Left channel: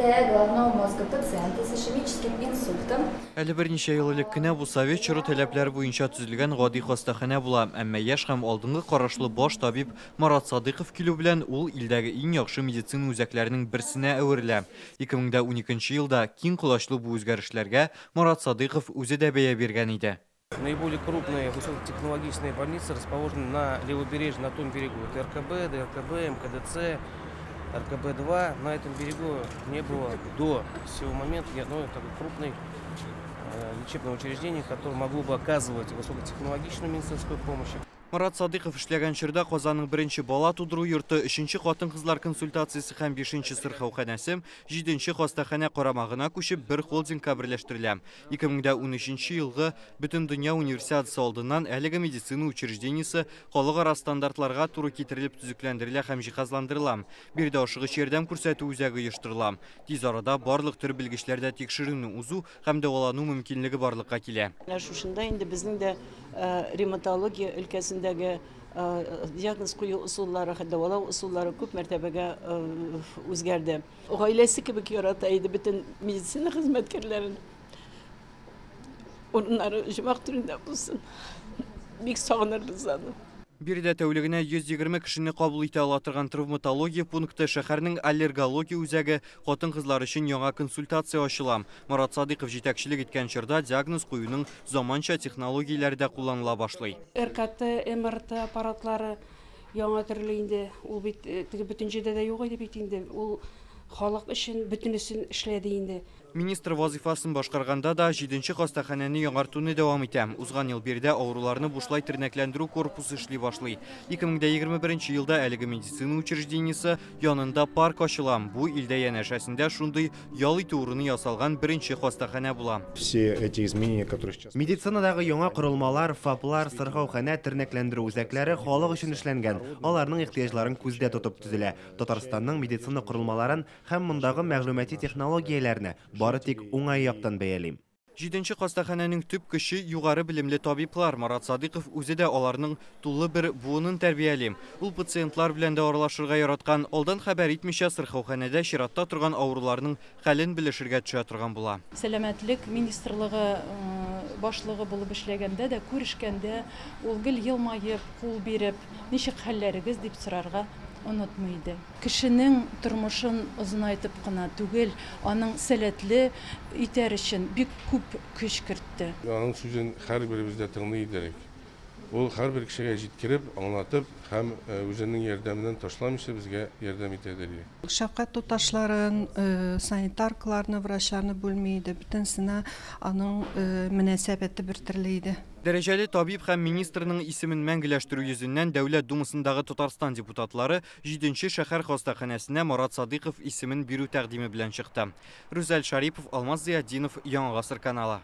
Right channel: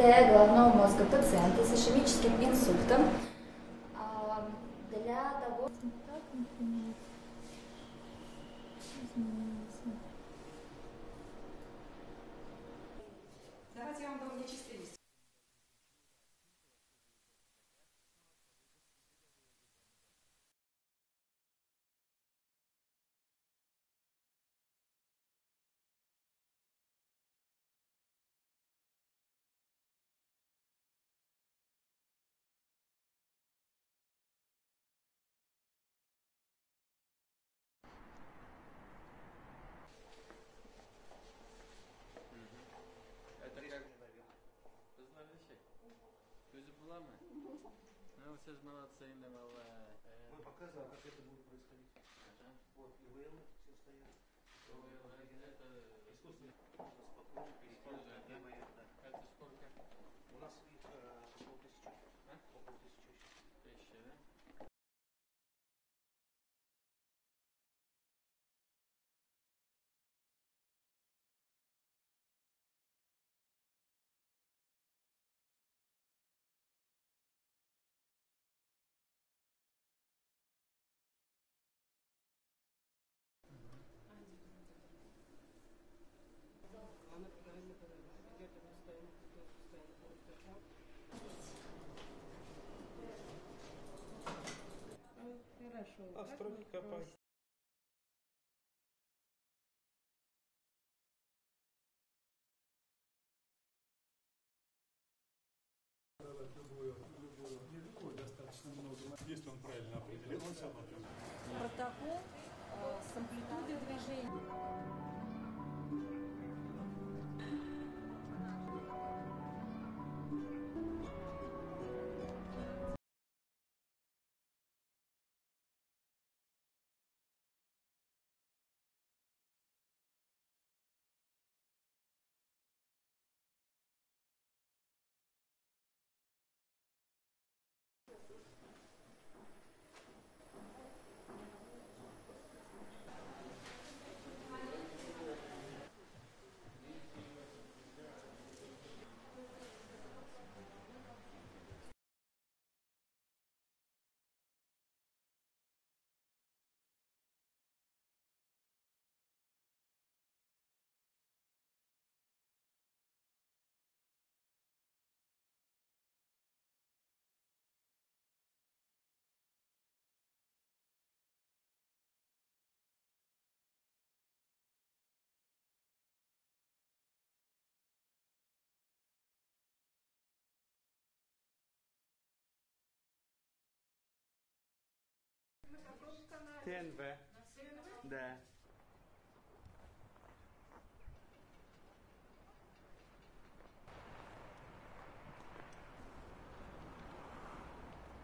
головного мозга пациента с ишемическим инсультом. Әлі бірнеше ел элек кенә бу совет чоры таләпләре буенча төзелгән гади хастаханә була, әмма яшь һәм алдынгы карашлы баш табиб Марат Садыйков килү белән ул илдәге иң яхшы медицина үзәкләренең берсенә әверелә. 2012 елда киң колачлы бу үзгәрешләргә Марат Садыйков үзе дә бәя биргән иде. Наиболее крупные высокотехнологичные больницы расположены на левобережье, на том берегу. Это РКБ, ДРКБ, МКДЦ, РКБ-2. На этом берегу не было до сего момента ни одной такой крупной лечебного учреждения, которое могло бы оказывать высокотехнологичную медицинскую помощь. Марат Садыйков эшләгән чорда Казанның беренче бала тудыру йорты, 3нче хатын-кызлар консультациясе һәм 5нче сырхауханәсе 7нче хастаханә карамагына күчеп бер холдингка берләштерелә. 2013 елгы Бөтен дөнья универсиадасы алдыннан әлеге медицина учреждениесе халыкара стандартларга туры китерелеп төзекләндерелә һәм җиһазландырыла. Бирдә ашыгыч ярдәм күрсәтү үзәге оештырыла. Тиз арада барлык төр белгечләрдә тикшерүне узу һәм дәвалану мөмкинлеге барлыкка килә. Шушында инде безнең дә ревматология өлкәсендәге диагноз кую усуллары, дәвалау усуллары күп мәртәбәгә үзгәрде. Гаиләсе кебек ярата иде бөтен медицина хезмәткәрләрен. Оннары җимак түрендә булсын. Бик сагынырбыз аны. Бирдә тәүлегенә 120 кешене кабул итә ала торган травматология пункты шәһәрнең аллергология үзәге хатын-кызлар өчен яңа консультация ачыла. Марат Садыйков җитәкчелек иткән чорда диагноз куюның заманча технологияләре дә кулланыла башлый. РКТ, МРТ аппаратлары яңа төрле инде. Ул бит бөтенчедә дә юк иде бит инде. Ул халык өчен бөтенесен эшләде инде. Министр вазифасын башкарганда да 7нче хастаханәне яңартуны дәвам итә. Узган ел бирдә авыруларны бушлай тернәкләндерү корпусы эшли башлый. 2021 елда әлеге медицина учреждениесе янында парк ачыла. Бу илдә янәшәсендә шундый ял итү урыны ясалган беренче хастаханә була. Все эти изменения, которые сейчас... Медицинадагы яңа корылмалар, ФАПлар, сырхауханә тернәкләндерү үзәкләре халык өчен эшләнгән. Аларның ихтыяҗларын күздә тотып төзелә. Татарстанның медицина корылмаларын һәм мондагы мәгълүмати технологияләрне бары тик уңай яктан бәялим. 7нче хастаханәнең төп көче югары белемле табиблар. Марат Садыйков үзе дә аларның тулы бер буынын тәрбияли. Ул пациентлар белән дә аралашырга яраткан, алдан хәбәр итмичә сырхауханәдә чиратта торган авыруларның хәлен белешергә төшә торган була. Сәламәтлек министрлыгы башлыгы булып эшләгәндә дә, күрешкәндә, ул гел елмаеп, кул биреп, ничек хәлләрегез дип сорарга онытмайды. Кешенең тормышын озынайтып кына түгел, аның сәләтле итәр өчен бик күп көч кертте. Аның сүзен һәрберебез дә тыңлый идек. Ул һәрбер кешегә җиткереп, аңлатып һәм үзенең ярдәменнән ташламыйча безгә ярдәм итәдер. Шәфкать туташларын, санитаркаларны, врачларны бүлми иде. Бөтенсенә аның мөнәсәбәте бер төрле иде. Дәрәҗәле табиб һәм министрның исемен мәңгеләштерү йөзеннән Дәүләт Думасындагы Татарстан депутатлары 7нче шәһәр хастаханәсенә Марат Садыйков исемен бирү тәкъдиме белән чыкты. Рүзәл Шарипов, Алмаз Зиятдинов, Яңа Гасыр каналы.